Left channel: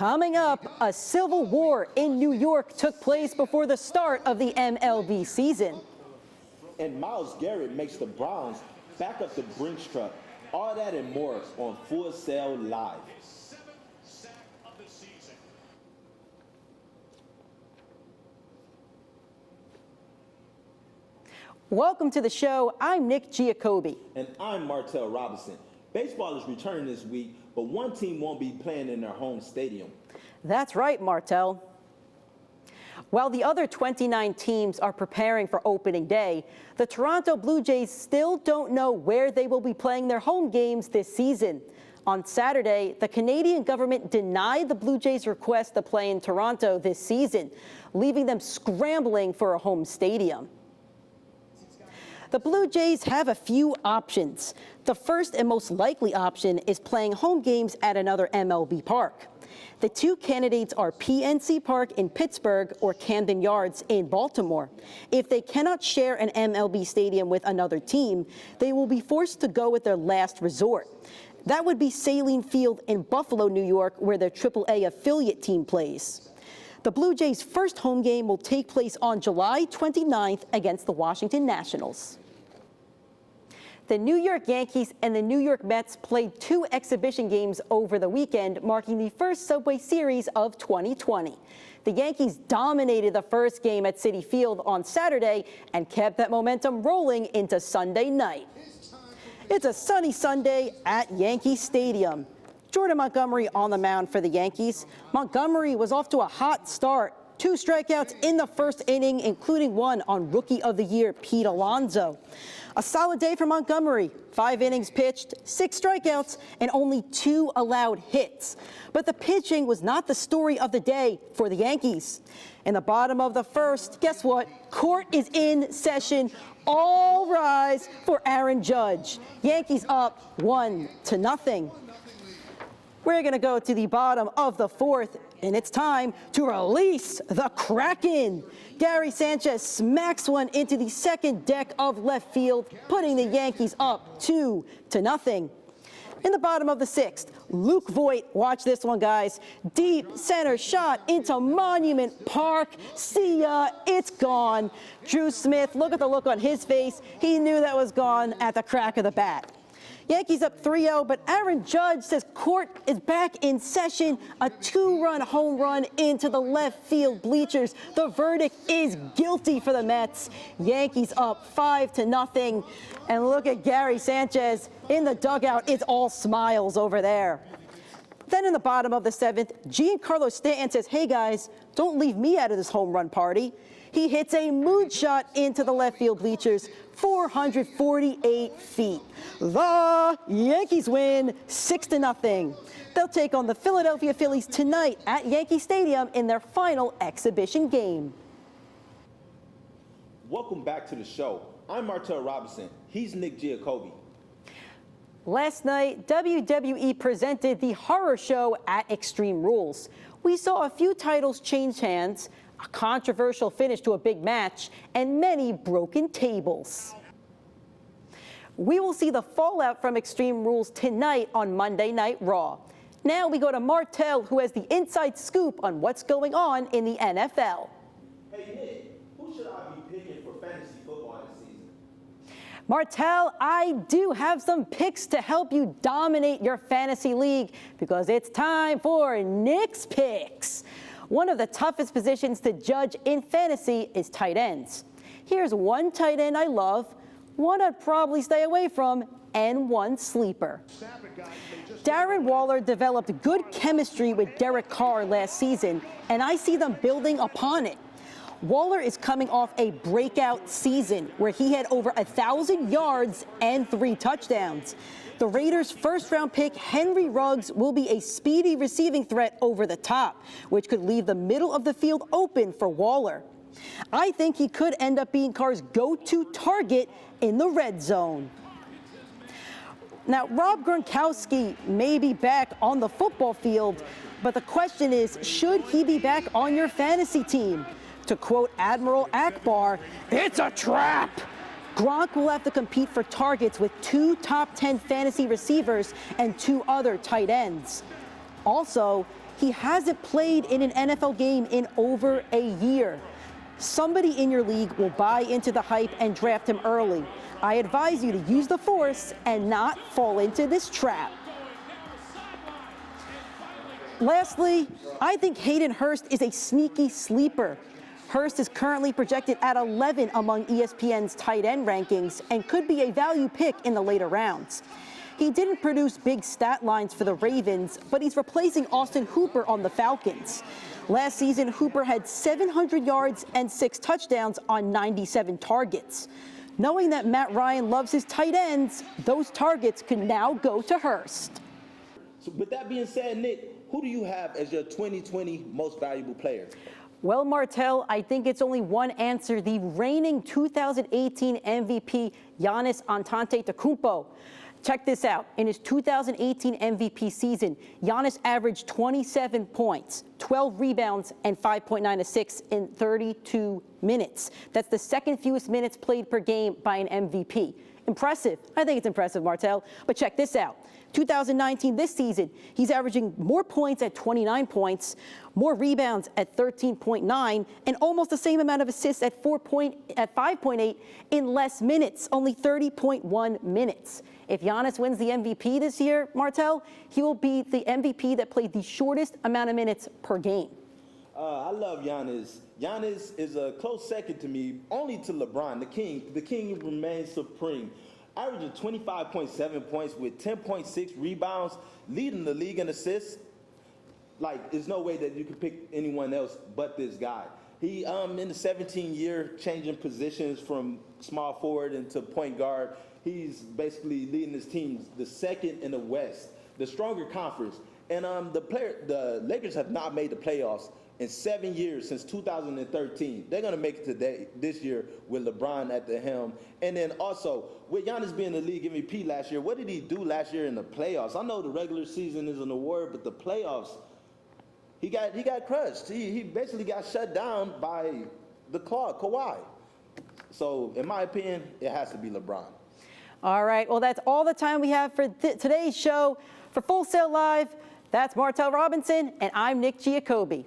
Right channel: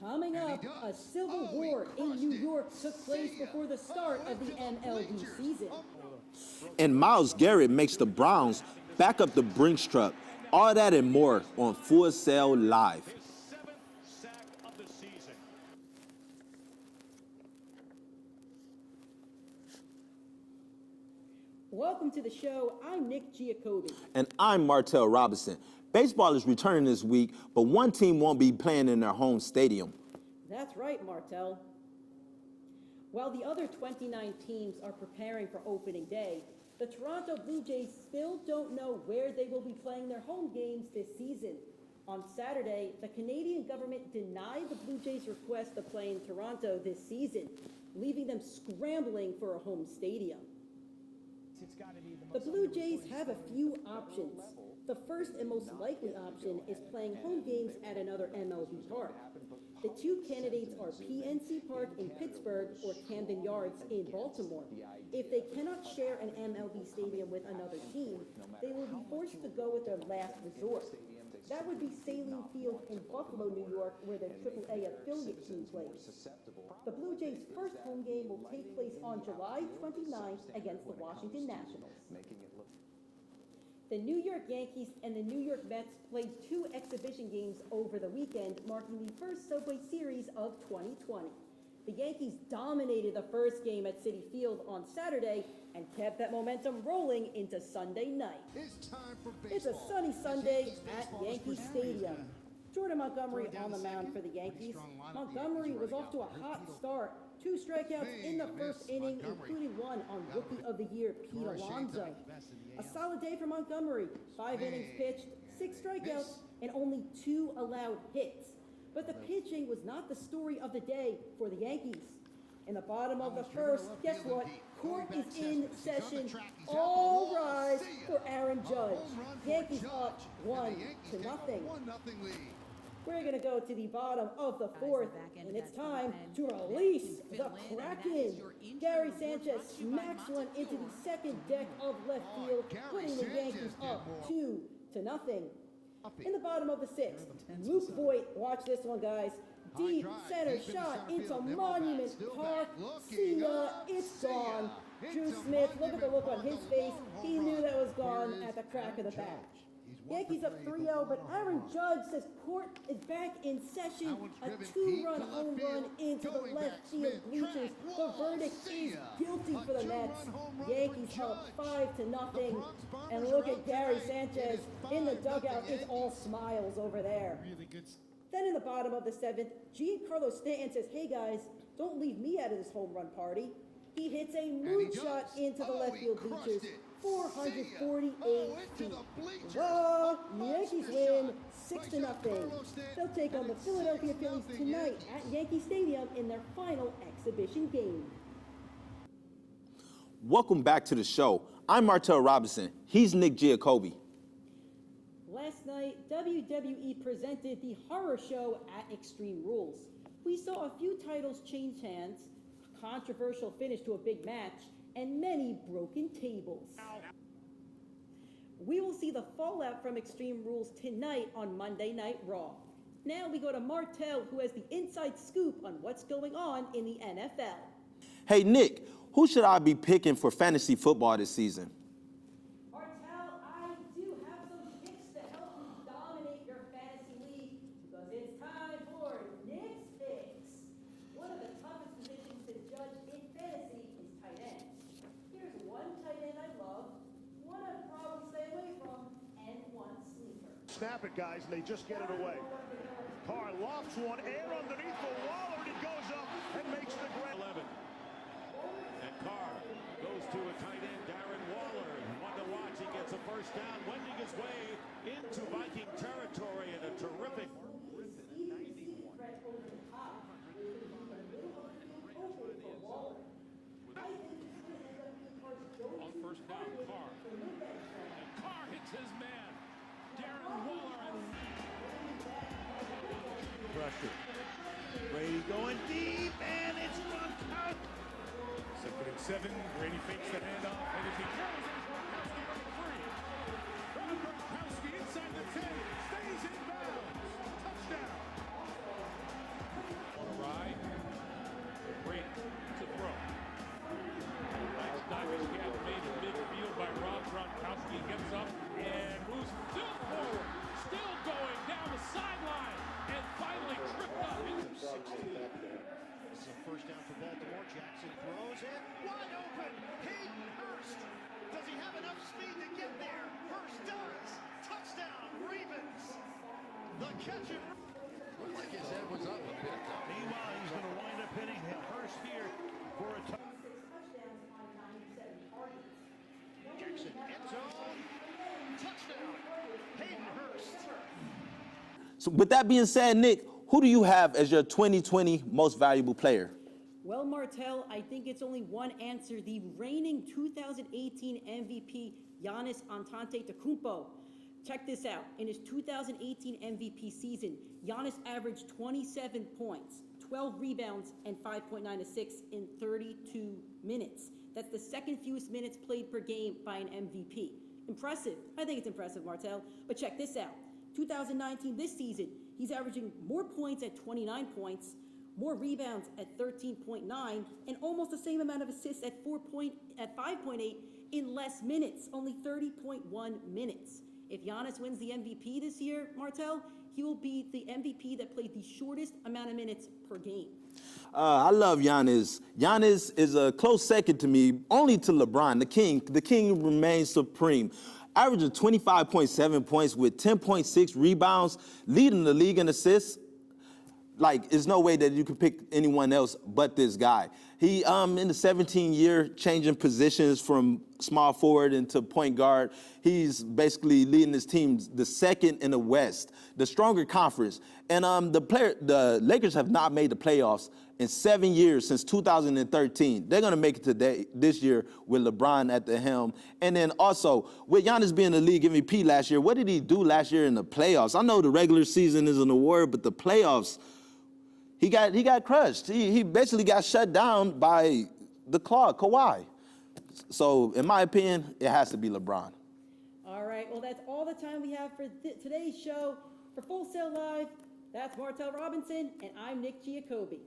Coming up, a civil war in New York took place before the start of the MLB season. And Myles Garrett makes the Browns back up the Brinks truck. All that and more on Full Sail Live. Welcome to the show. I'm Nick Giacobbe. And I'm Martell Robinson. Baseball is returning this week, but one team won't be playing in their home stadium. That's right, Martell. While the other 29 teams are preparing for opening day, the Toronto Blue Jays still don't know where they will be playing their home games this season. On Saturday, the Canadian government denied the Blue Jays' request to play in Toronto this season, leaving them scrambling for a home stadium. The Blue Jays have a few options. The first and most likely option is playing home games at another MLB park. The two candidates are PNC Park in Pittsburgh or Camden Yards in Baltimore. If they cannot share an MLB stadium with another team, they will be forced to go with their last resort. That would be Saline Field in Buffalo, New York, where their AAA affiliate team plays. The Blue Jays' first home game will take place on July 29th against the Washington Nationals. The New York Yankees and the New York Mets played two exhibition games over the weekend, marking the first Subway Series of 2020. The Yankees dominated the first game at Citi Field on Saturday and kept that momentum rolling into Sunday night. It's a sunny Sunday at Yankee Stadium. Jordan Montgomery on the mound for the Yankees. Montgomery was off to a hot start. 2 strikeouts in the first inning, including one on Rookie of the Year, Pete Alonso. A solid day for Montgomery. 5 innings pitched, 6 strikeouts, and only 2 allowed hits. But the pitching was not the story of the day for the Yankees. In the bottom of the first, guess what? Court is in session. All rise for Aaron Judge. Yankees up 1-0. We're going to go to the bottom of the fourth, and it's time to release the Kraken. Gary Sanchez smacks one into the second deck of left field, putting the Yankees up 2-0. In the bottom of the sixth, Luke Voit, watch this one, guys. Deep center shot into Monument Park. See ya, it's gone. Drew Smith, look at the look on his face. He knew that was gone at the crack of the bat. Yankees up 3-0, but Aaron Judge says court is back in session. A 2-run home run into the left field bleachers. The verdict is guilty for the Mets. Yankees up 5-0. And look at Gary Sanchez in the dugout. It's all smiles over there. Then in the bottom of the seventh, Giancarlo Stanton says, hey guys, don't leave me out of this home run party. He hits a moonshot into the left field bleachers, 448 feet. The Yankees win 6-0. They'll take on the Philadelphia Phillies tonight at Yankee Stadium in their final exhibition game. Welcome back to the show. I'm Martell Robinson. He's Nick Giacobbe. Last night, WWE presented the horror show at Extreme Rules. We saw a few titles change hands, a controversial finish to a big match, and many broken tables. We will see the fallout from Extreme Rules tonight on Monday Night Raw. Now we go to Martell, who has the inside scoop on what's going on in the NFL. Hey, Nick, who should I be picking for fantasy football this season? Martell, I do have some picks to help you dominate your fantasy league because it's time for Nick's Picks. One of the toughest positions to judge in fantasy is tight ends. Here's one tight end I love, one I'd probably stay away from, and one sleeper. Darren Waller developed good chemistry with Derek Carr last season, and I see them building upon it. Waller is coming off a breakout season where he had over 1,000 yards and 3 touchdowns. The Raiders' first-round pick, Henry Ruggs, will be a speedy receiving threat over the top, which could leave the middle of the field open for Waller. I think he could end up being Carr's go-to target in the red zone. Now, Rob Gronkowski may be back on the football field, but the question is, should he be back on your fantasy team? To quote Admiral Akbar, it's a trap. Gronk will have to compete for targets with 2 top 10 fantasy receivers and 2 other tight ends. Also, he hasn't played in an NFL game in over a year. Somebody in your league will buy into the hype and draft him early. I advise you to use the force and not fall into this trap. Lastly, I think Hayden Hurst is a sneaky sleeper. Hurst is currently projected at 11 among ESPN's tight end rankings and could be a value pick in the later rounds. He didn't produce big stat lines for the Ravens, but he's replacing Austin Hooper on the Falcons. Last season, Hooper had 700 yards and 6 touchdowns on 97 targets. Knowing that Matt Ryan loves his tight ends, those targets could now go to Hurst. So with that being said, Nick, who do you have as your 2020 most valuable player? Well, Martell, I think it's only one answer. The reigning 2018 MVP, Giannis Antetokounmpo. Check this out. In his 2018 MVP season, Giannis averaged 27 points, 12 rebounds, and 5.9 assists in 32 minutes. That's the second fewest minutes played per game by an MVP. Impressive. I think it's impressive, Martell. But check this out. 2019, this season, he's averaging more points at 29 points, more rebounds at 13.9, and almost the same amount of assists at 5.8 in less minutes, only 30.1 minutes. If Giannis wins the MVP this year, Martell, he will be the MVP that played the shortest amount of minutes per game. I love Giannis. Giannis is a close second to me, only to LeBron, the king. The king remains supreme. Averaging 25.7 points with 10.6 rebounds, leading the league in assists. Like, there's no way that you can pick anyone else but this guy. He, in the 17-year, changing positions from small forward into point guard. He's basically leading his team the second in the West, the stronger conference. And the Lakers have not made the playoffs in 7 years, since 2013. They're going to make it this year with LeBron at the helm. And then also, with Giannis being the league MVP last year, what did he do last year in the playoffs? I know the regular season is an award, but the playoffs, he got crushed. He basically got shut down by the claw, Kawhi. So, in my opinion, it has to be LeBron. All right, well, that's all the time we have for today's show. For Full Sail Live, that's Martell Robinson, and I'm Nick Giacobbe.